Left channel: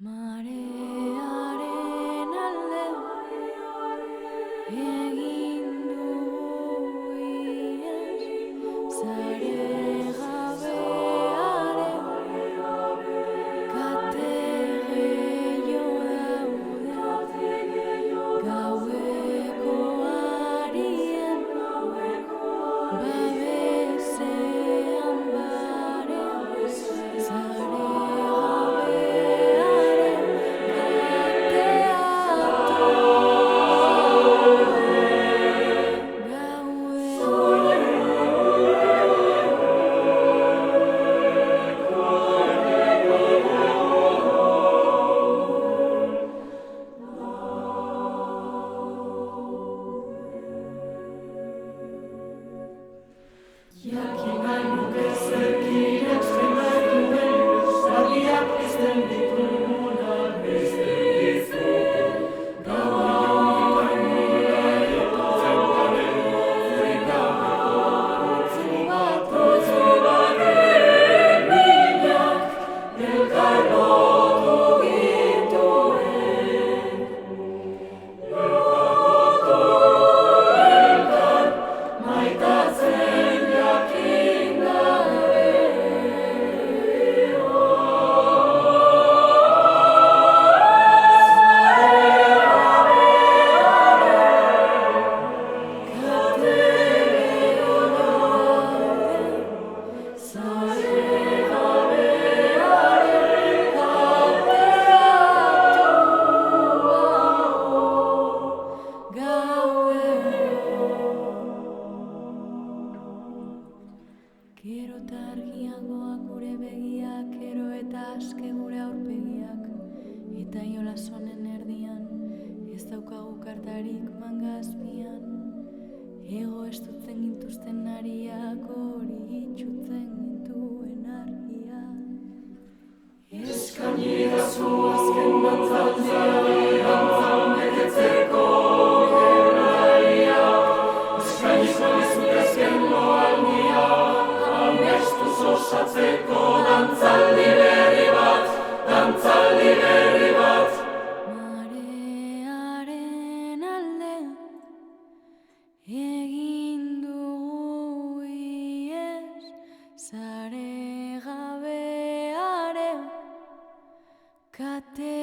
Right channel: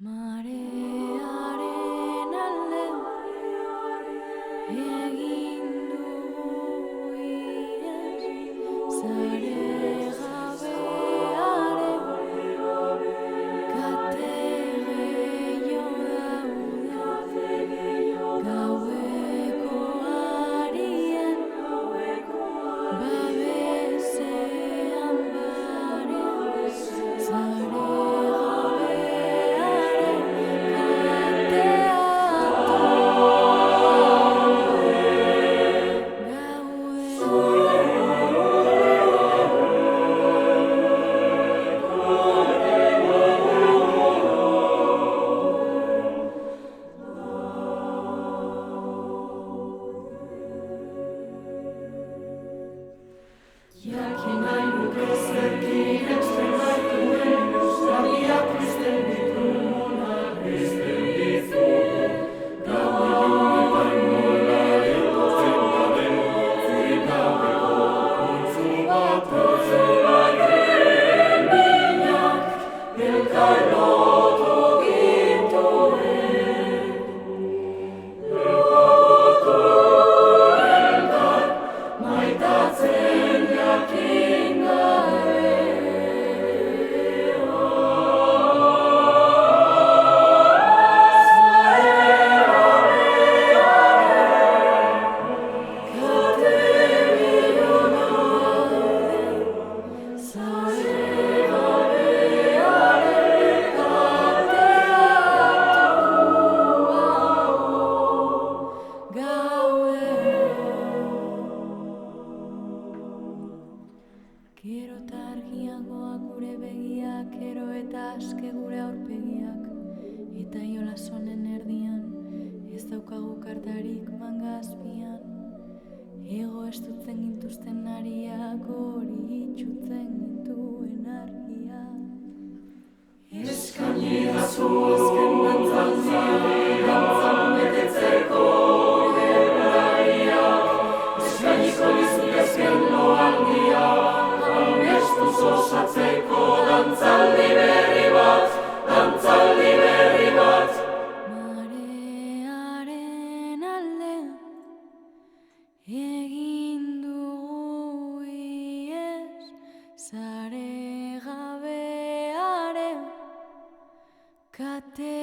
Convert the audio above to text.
Marearen alde egin dugu ihes, sare gabearen kate gehiago daude, gaueko arien babesean bare, sare jakin nahi nuke zerk irensten gaituen, argiak pizten ditugunak pizten dizu. Gau ilunetan nola etortzen garen, zurik gabeko putzu baten minak elkar lotu gintuen. Elkar maitatzen jakin gabe. Gero eta argiagoak gure begiak, gero eta aske gure aurpegiak, eta jolas honen erdian, ez daukagu kartarik manga azpian. Ego estutzen gintuzten ariak, hori itxutzen gintuen argia. Eskainidazu azken dantzaldia, dantzan betetzeko gure uraiak, eskainiko dizut azken loaldia, amestuz osatzeko dantzaldi berri bat, dantzaldi berri bat. Marearen alde egin dugu ihes, sare gabearen kate